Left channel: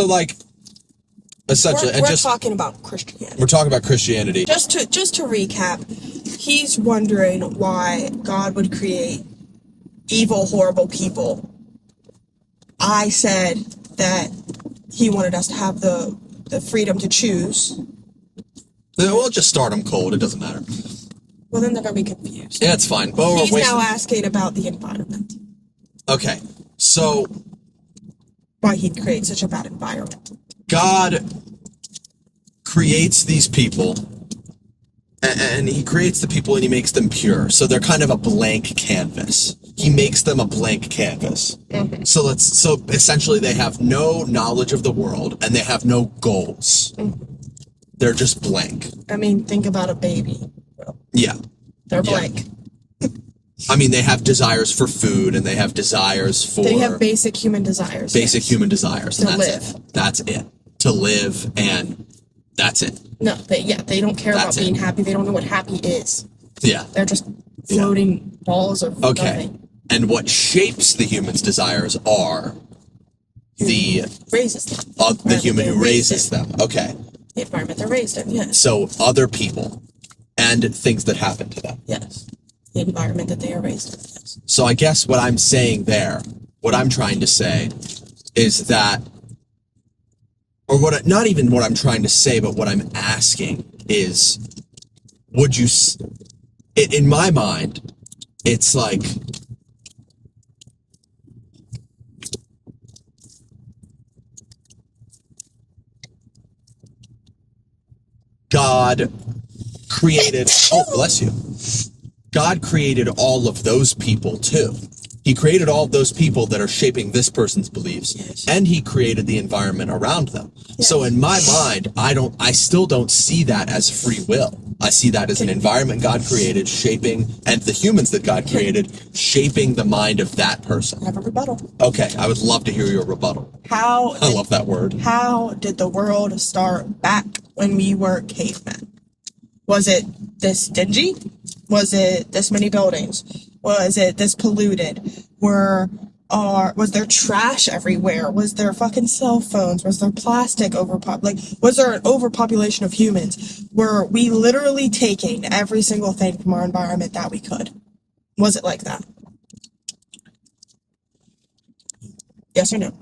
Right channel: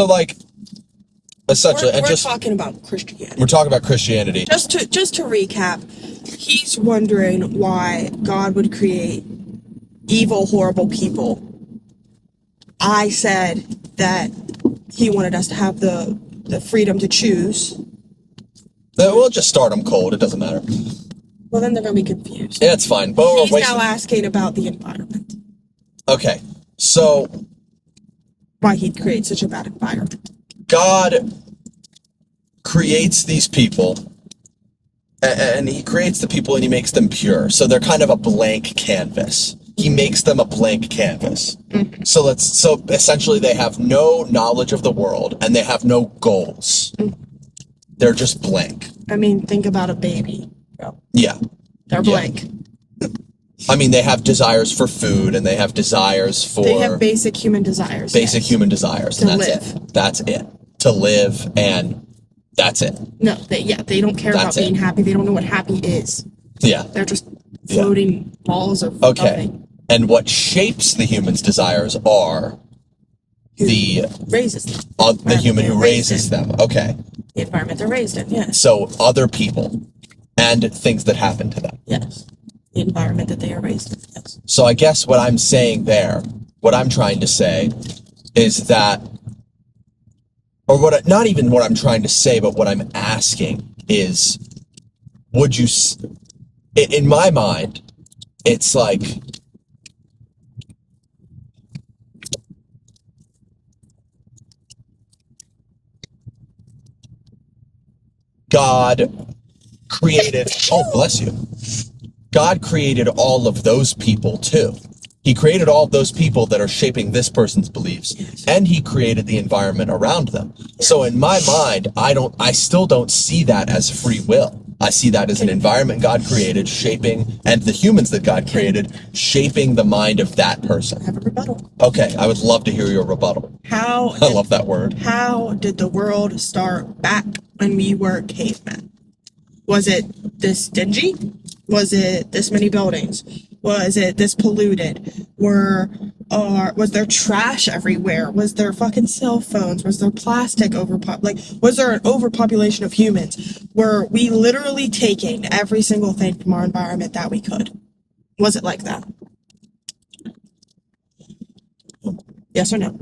So, like, essentially... We're talking about Christianity. We're talking about Christianity. Just to recap, he's wondering why God would create evil, horrible people. I said that he wanted us to have the freedom to choose. We'll just start them cold. It doesn't matter. Well, then they're going to be confused. Yeah, it's fine. But he's now asking about the environment. Okay, so... Why he'd create such a bad environment. God creates these people, and he creates the people and he makes them pure. So they're kind of a blank canvas. He makes them a blank canvas. Mm-hmm. So essentially they have no knowledge of the world and they have no goals. Mm-hmm. They're just blank. I mean, think about a baby. Yeah. They're blank. Yeah. I mean, they have desires for food and they have desires for... They have basic human desires. Basic human desires. And that's it. That's it. To live, and that's it. No, they don't care about being happy. They don't know what happy is. Yeah. They're just floating balls of nothing. And what shapes the human's desires are raises them. The human who raises them. Okay. The environment they're raised in, yes. So other people and things that happen to them. Yes. The environment that they are raised in, yes. So I guess what I'm saying there, what I'm trying to say is that, or not even what I'm trying to say, but what I'm asking is, would you, in my mind, it's like, God created, oh, bless you. God created all of those people too. He created all of those people that are shaping this person's beliefs. Yes. And he created the environment around them. Yes. So in my mind, I still don't see that as free will. I see that as an environment God created shaping, and the humans that God created shaping the mind of that person. I have a rebuttal. Okay, I would love to hear your rebuttal. I love that word. How did the world start back when we were cavemen? Was it this dingy? Was it this many buildings? Was it this polluted? Was there trash everywhere? Was there fucking cell phones? Was there plastic was there an overpopulation of humans? Were we literally taking every single thing from our environment that we could? Was it like that? Yes or no?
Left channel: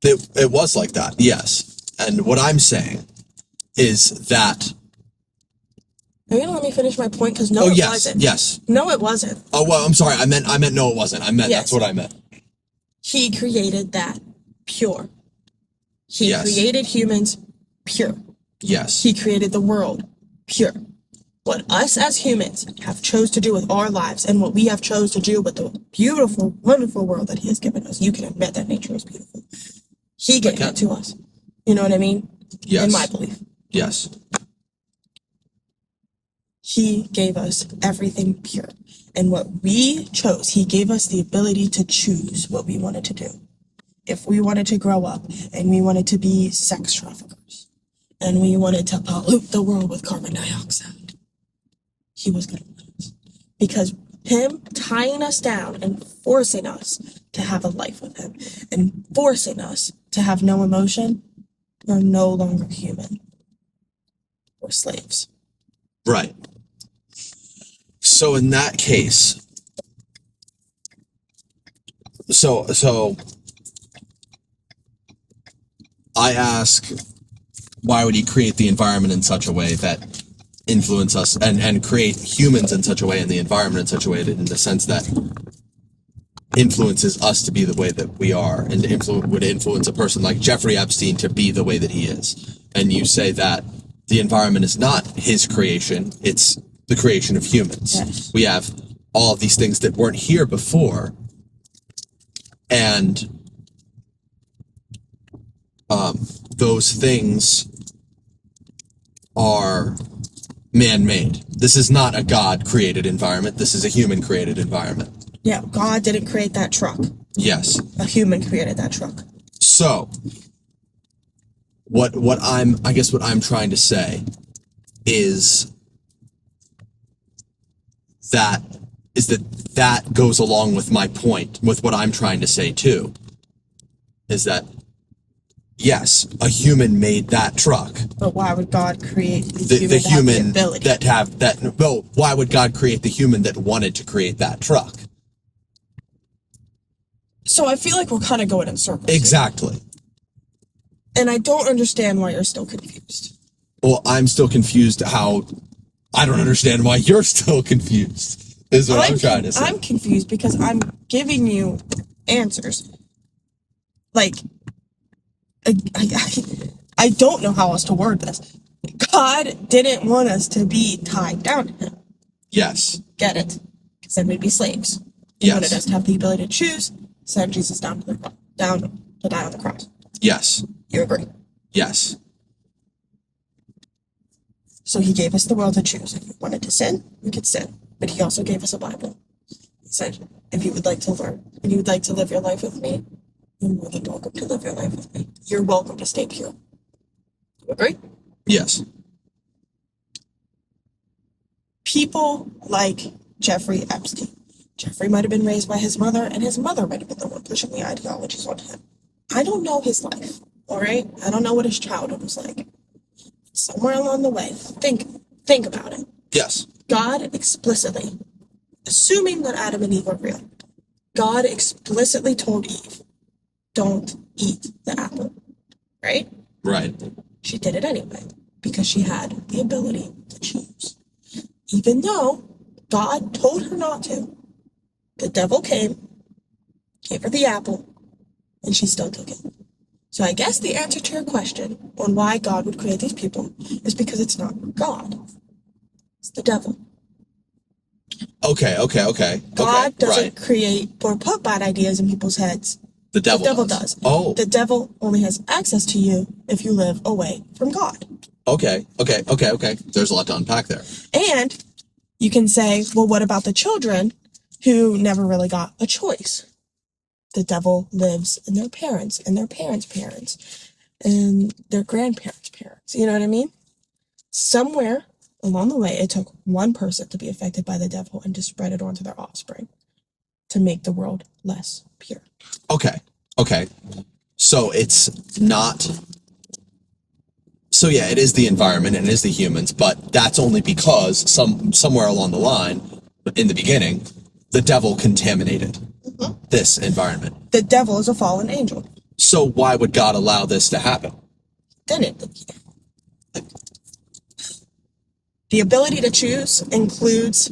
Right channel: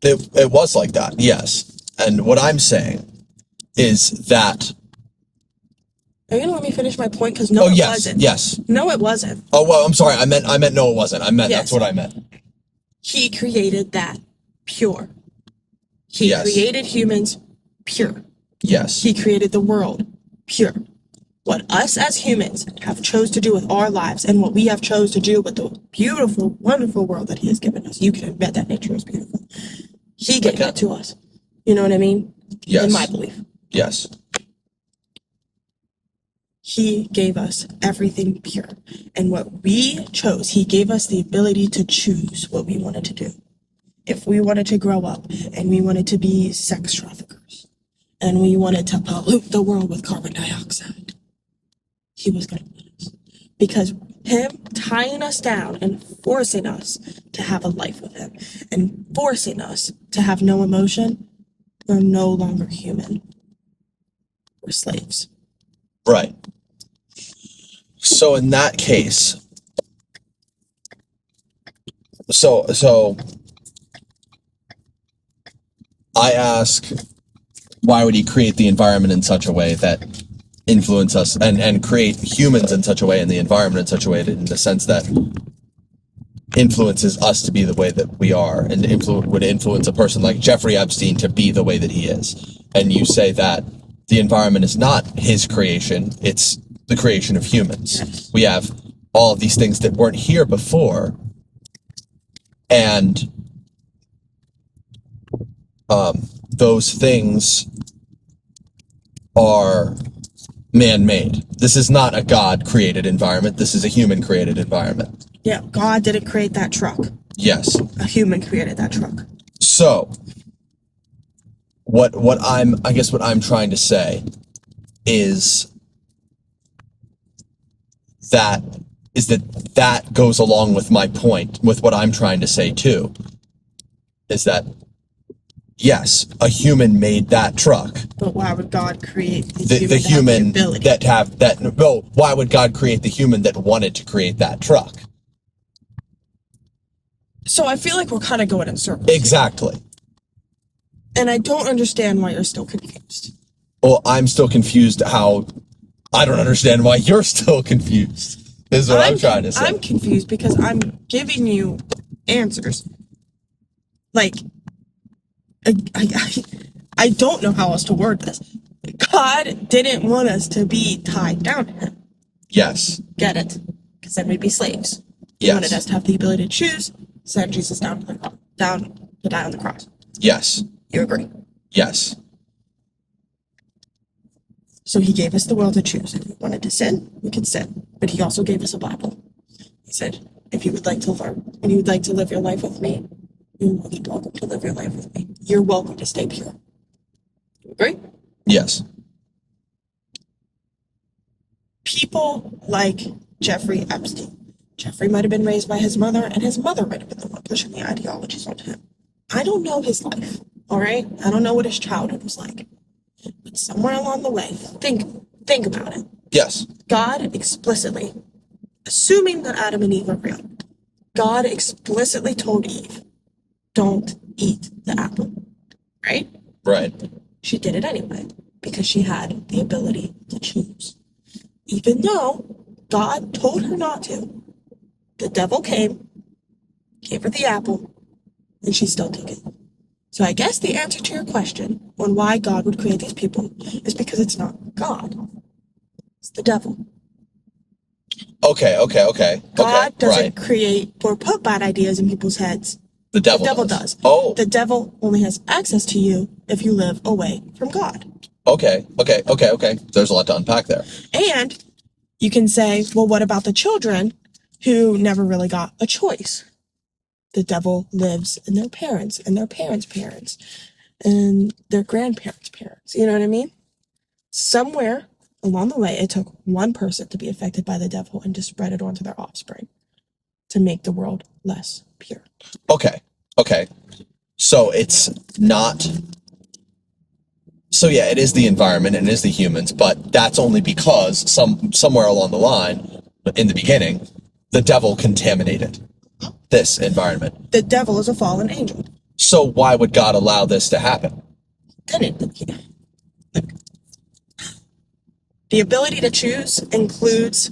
It was like that, yes. And what I'm saying is that... Are you gonna let me finish my point? Because it wasn't. Yes. No, it wasn't. Oh, well, I'm sorry. I meant no, it wasn't. That's what I meant. He created that pure. He created humans pure. Yes. He created the world pure. What us as humans have chose to do with our lives and what we have chose to do with the beautiful, wonderful world that he has given us. You can admit that nature is beautiful. He gave that to us. You know what I mean? Yes. In my belief. Yes. He gave us everything pure. And what we chose, he gave us the ability to choose what we wanted to do. If we wanted to grow up and we wanted to be sex traffickers and we wanted to pollute the world with carbon dioxide, he was going to let us. Because him tying us down and forcing us to have a life with him and forcing us to have no emotion, we're no longer human. We're slaves. Right. So in that case, so I ask, why would he create the environment in such a way that influence us and create humans in such a way and the environment in such a way that, in the sense that influences us to be the way that we are and would influence a person like Jeffrey Epstein to be the way that he is. And you say that the environment is not his creation, it's the creation of humans. Yes. We have all of these things that weren't here before, and those things are man-made. This is not a God-created environment. This is a human-created environment. Yeah, God didn't create that truck. Yes. A human created that truck. So, what I'm trying to say is that goes along with my point, with what I'm trying to say too, is that Yes, a human made that truck. But why would God create The human why would God create the human that wanted to create that truck? So I feel like we're kind of going in circles. Exactly. And I don't understand why you're still confused. Well, I'm still confused how I don't understand why you're still confused. Is what I'm trying to say. I'm confused because I'm giving you answers. Like, I don't know how else to word this. God didn't want us to be tied down to him. Yes. Get it? Because then we'd be slaves. He Yes. wanted us to have the ability to choose, send Jesus down to die on the cross. Yes. You agree? Yes. So he gave us the will to choose. If we wanted to sin, we could sin. But he also gave us a Bible. He said, if you would like to learn and you would like to live your life with me, you're more than welcome to live your life with me. You're welcome to stay pure. You agree? Yes. People like Jeffrey Epstein. Jeffrey might have been raised by his mother, and his mother might have been the one pushing the ideologies onto him. I don't know his life, all right? I don't know what his childhood was like. But somewhere along the way, think about it. Yes. God explicitly, assuming that Adam and Eve are real, God explicitly told Eve, don't eat the apple, right? Right. She did it anyway because she had the ability to choose. Even though God told her not to, the devil came, gave her the apple, and she still took it. So I guess the answer to your question on why God would create these people is because it's not God. It's the devil. Okay. God doesn't right. create or put bad ideas in people's heads. The devil does. Oh. The devil only has access to you if you live away from God. Okay. There's a lot to unpack there. And you can say, well, what about the children who never really got a choice? The devil lives in their parents and their parents' parents and their grandparents' parents. You know what I mean? Somewhere along the way, it took one person to be affected by the devil and to spread it onto their offspring to make the world less pure. Okay. So it's not. So yeah, it is the environment and it is the humans, but that's only because somewhere along the line, in the beginning, the devil contaminated this environment. The devil is a fallen angel. So why would God allow this to happen? The ability to choose includes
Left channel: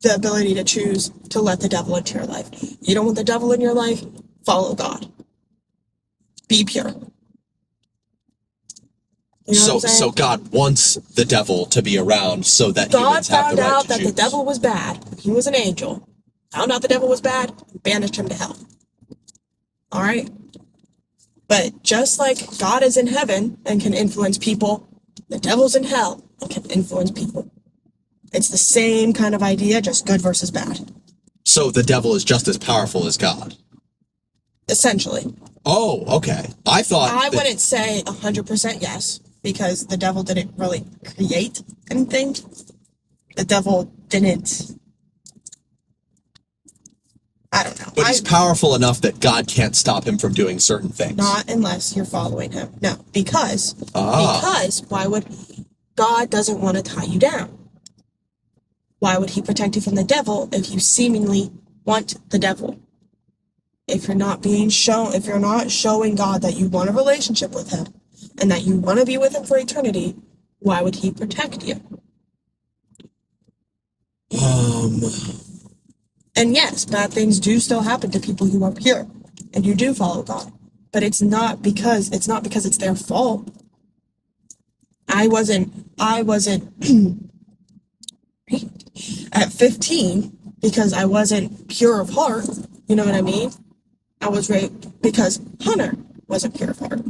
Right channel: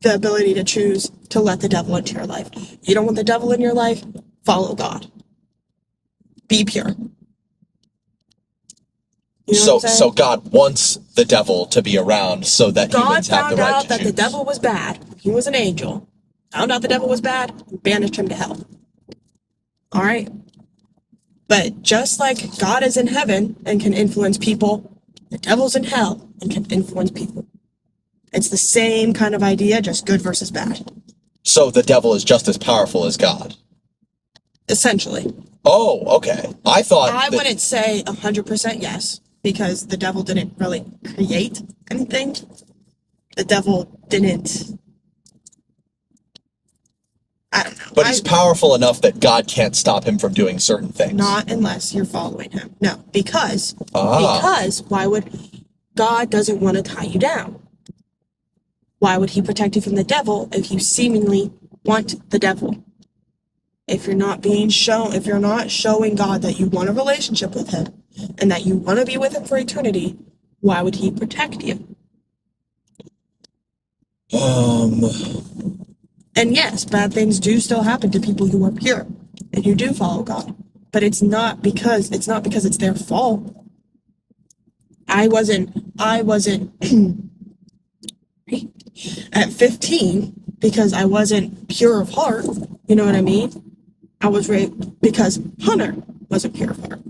the ability to choose to let the devil into your life. You don't want the devil in your life? Follow God. Be pure. You know what I'm saying? So God wants the devil to be around so that God humans have found the right out to that choose. the devil was bad. He was an angel. Found out the devil was bad, banished him to hell. All right? But just like God is in heaven and can influence people, the devil's in hell and can influence people. It's the same kind of idea, just good versus bad. So the devil is just as powerful as God. Essentially. Oh, okay. I wouldn't say 100% yes, because the devil didn't really create anything. The devil didn't... I don't know. But he's powerful enough that God can't stop him from doing certain things. Not unless you're following him. No, because why would... God doesn't want to tie you down. Why would he protect you from the devil if you seemingly want the devil? If you're not showing God that you want a relationship with him and that you want to be with him for eternity, why would he protect you? And yes, bad things do still happen to people who are pure and who do follow God. But it's not because it's their fault. I wasn't at 15 because I wasn't pure of heart. You know what I mean? I was raped because Hunter wasn't pure of heart.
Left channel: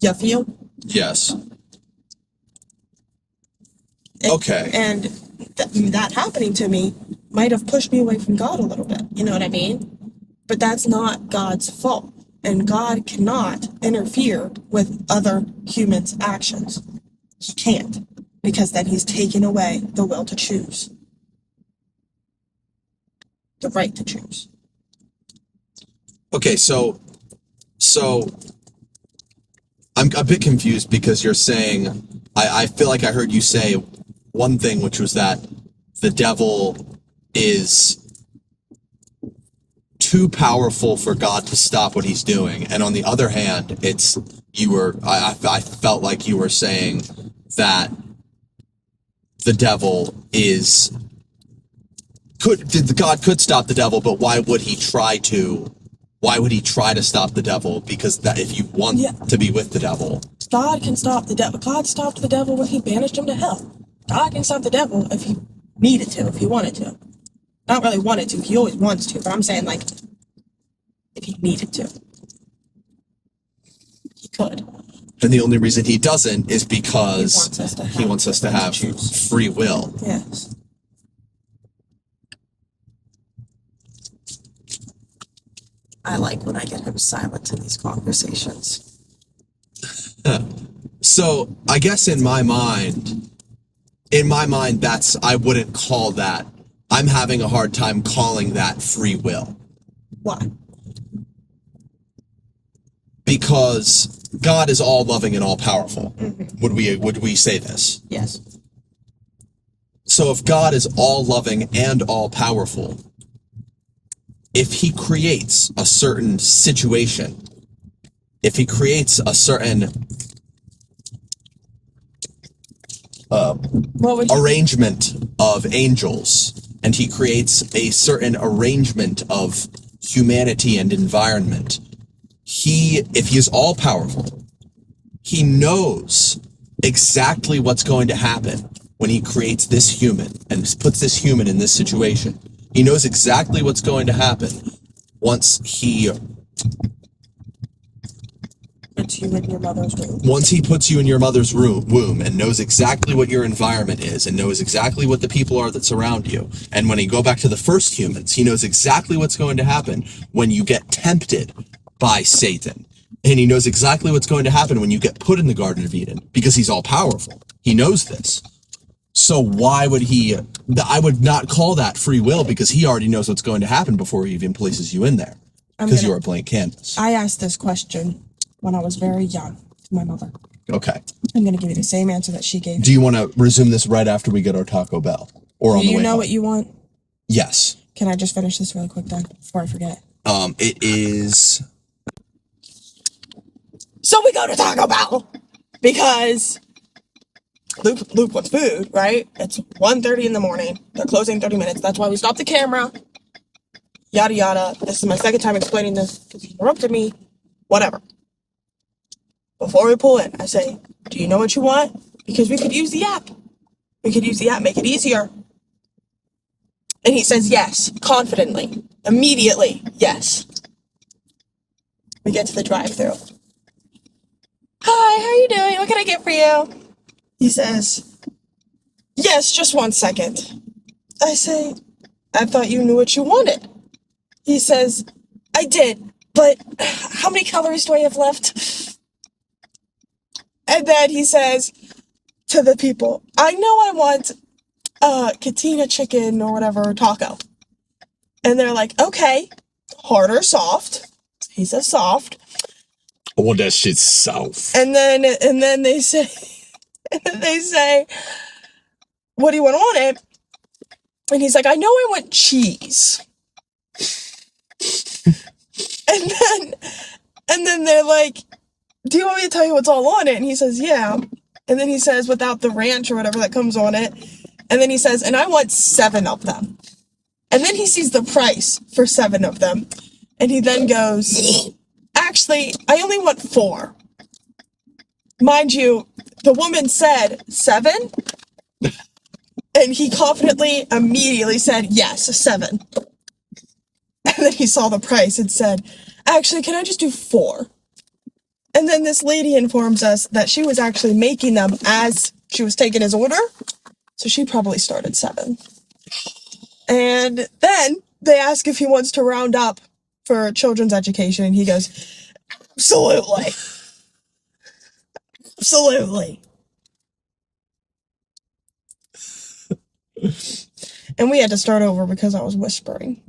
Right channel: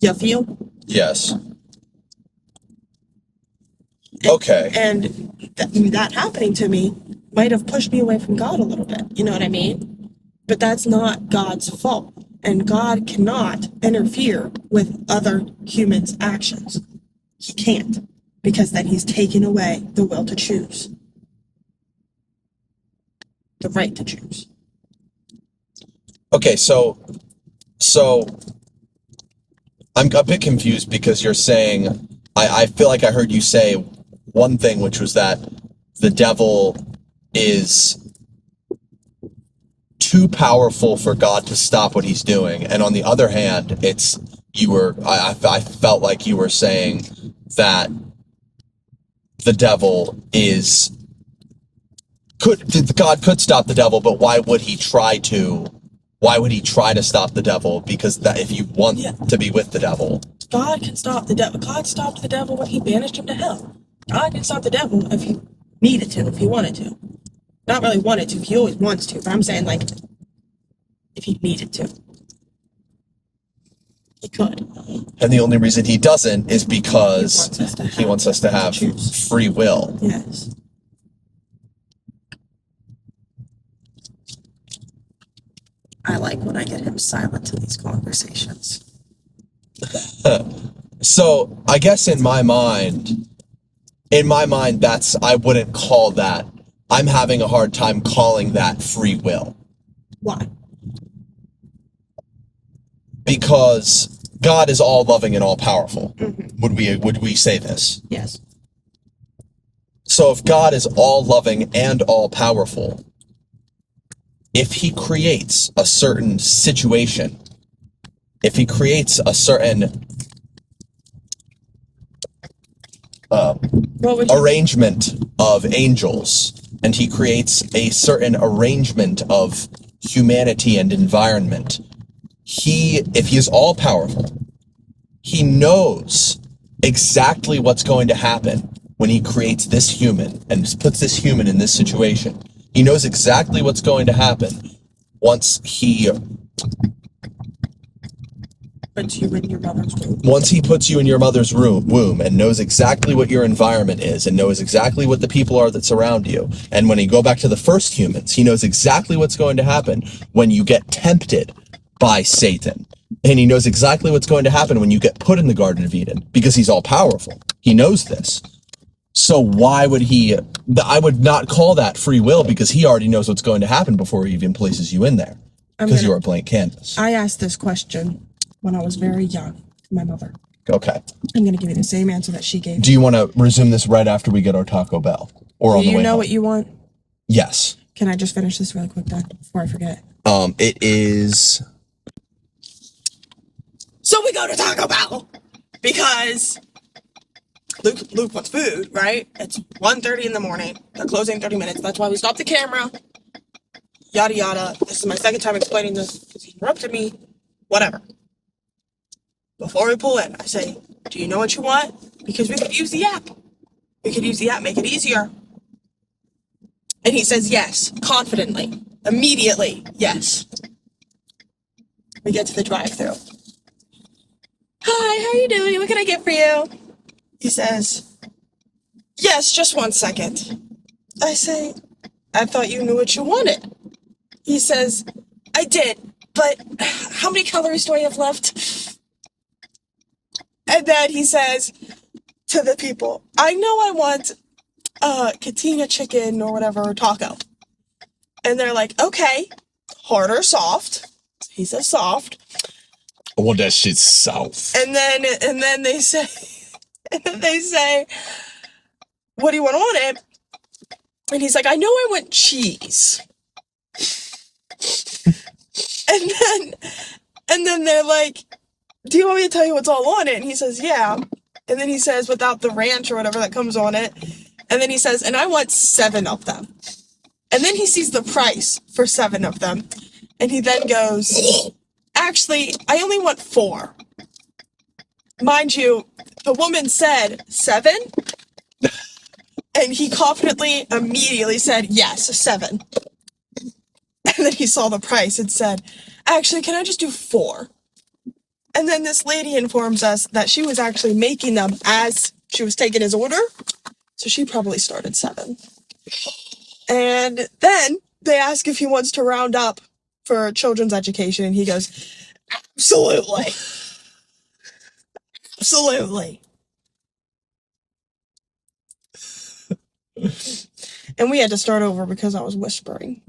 You feel? Yes. Okay. And that happening to me might have pushed me away from God a little bit. You know what I mean? But that's not God's fault. And God cannot interfere with other humans' actions. He can't. Because then he's taken away the will to choose. The right to choose. Okay, so So I'm a bit confused because you're saying, I feel like I heard you say one thing, which was that the devil is too powerful for God to stop what he's doing. And on the other hand, I felt like you were saying that the devil God could stop the devil, but why would he try to stop the devil? Because that if you want to be with the devil. God can stop the devil. God stopped the devil when he banished him to hell. God can stop the devil if he needed to, if he wanted to. Not really wanted to, he always wants to, but I'm saying, like, if he needed to. He could. And the only reason he doesn't is because he wants us to have free will. Yes. I like when I get him silent in these conversations. So I guess in my mind, I wouldn't call that. I'm having a hard time calling that free will. Why? Because God is all loving and all powerful. Mm-hmm. Would we say this? Yes. So if God is all loving and all powerful, if he creates a certain situation, if he creates a certain arrangement of angels, and he creates a certain arrangement of humanity and environment, if he is all powerful, he knows exactly what's going to happen when he creates this human and puts this human in this situation. He knows exactly what's going to happen once he puts you in your mother's womb. Once he puts you in your mother's womb and knows exactly what your environment is and knows exactly what the people are that surround you. And when you go back to the first humans, he knows exactly what's going to happen when you get tempted by Satan. And he knows exactly what's going to happen when you get put in the Garden of Eden, because he's all powerful. He knows this. So why would I would not call that free will, because he already knows what's going to happen before he even places you in there. Because you're a blank canvas. I asked this question when I was very young to my mother. Okay. I'm going to give you the same answer that she gave. Do you want to resume this right after we get our Taco Bell? Or on the way home? Do you know what you want? Yes. Can I just finish this really quick then, before I forget? It is... So we go to Taco Bell because Luke wants food, right? It's 1:30 in the morning. They're closing 30 minutes. That's why we stopped the camera. Yada, yada. This is my second time explaining this because he interrupted me. Whatever. Before we pull in, I say, do you know what you want? Because we could use the app. We could use the app, make it easier. And he says yes, confidently, immediately, yes. We get to the drive-thru. Hi, how are you doing? What can I get for you? He says, yes, just 1 second. I say, I thought you knew what you wanted. He says, I did, but how many calories do I have left? And then he says to the people, I know I want Katina chicken or whatever taco. And they're like, okay, hard or soft? He says soft. I want that shit soft. And then they say, what do you want on it? And he's like, I know I want cheese. and then they're like, do you want me to tell you what's all on it? And he says, yeah. And then he says, without the ranch or whatever that comes on it. And then he says, and I want 7 of them. And then he sees the price for 7 of them. And he then goes, actually, I only want 4. Mind you, the woman said 7. And he confidently, immediately said, yes, 7. And then he saw the price and said, actually, can I just do 4? And then this lady informs us that she was actually making them as she was taking his order. So she probably started 7. And then they ask if he wants to round up for children's education. And he goes, absolutely. Absolutely. And we had to start over because I was whispering.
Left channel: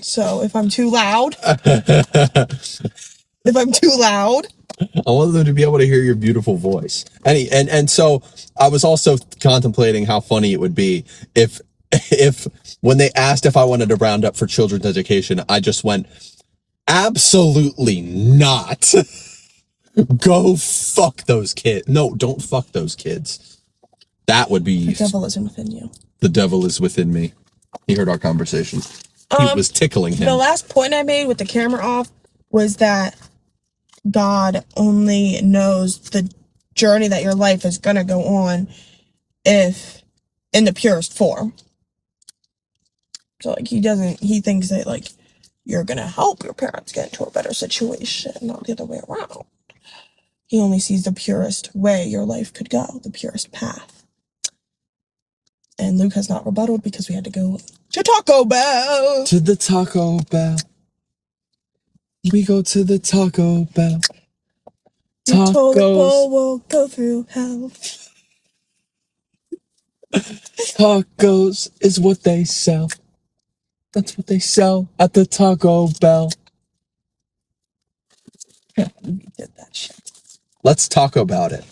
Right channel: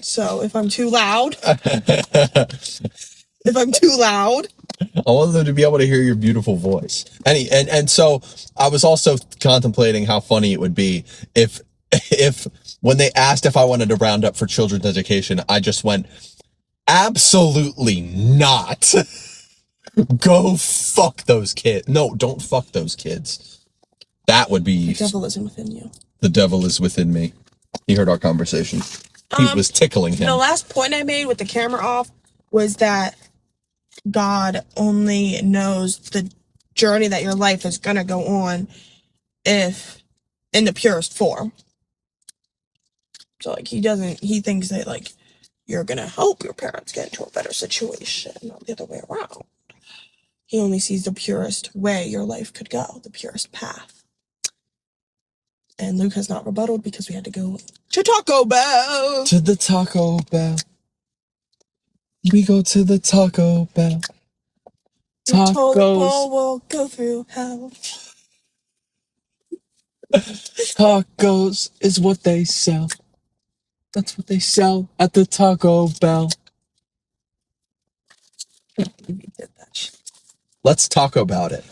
So if I'm too loud, if I'm too loud. I want them to be able to hear your beautiful voice. And so I was also contemplating how funny it would be if when they asked if I wanted to round up for children's education, I just went, absolutely not. Go fuck those kids. No, don't fuck those kids. That would be... The devil isn't within you. The devil is within me. He heard our conversation. He was tickling him. The last point I made with the camera off was that God only knows the journey that your life is going to go on if in the purest form. So like he thinks that like you're going to help your parents get into a better situation, not the other way around. He only sees the purest way your life could go, the purest path. And Luke has not rebutted because we had to go to Taco Bell. To the Taco Bell. We go to the Taco Bell. Tacos will go through hell. Tacos is what they sell. That's what they sell at the Taco Bell. We did that shit. Let's talk about it.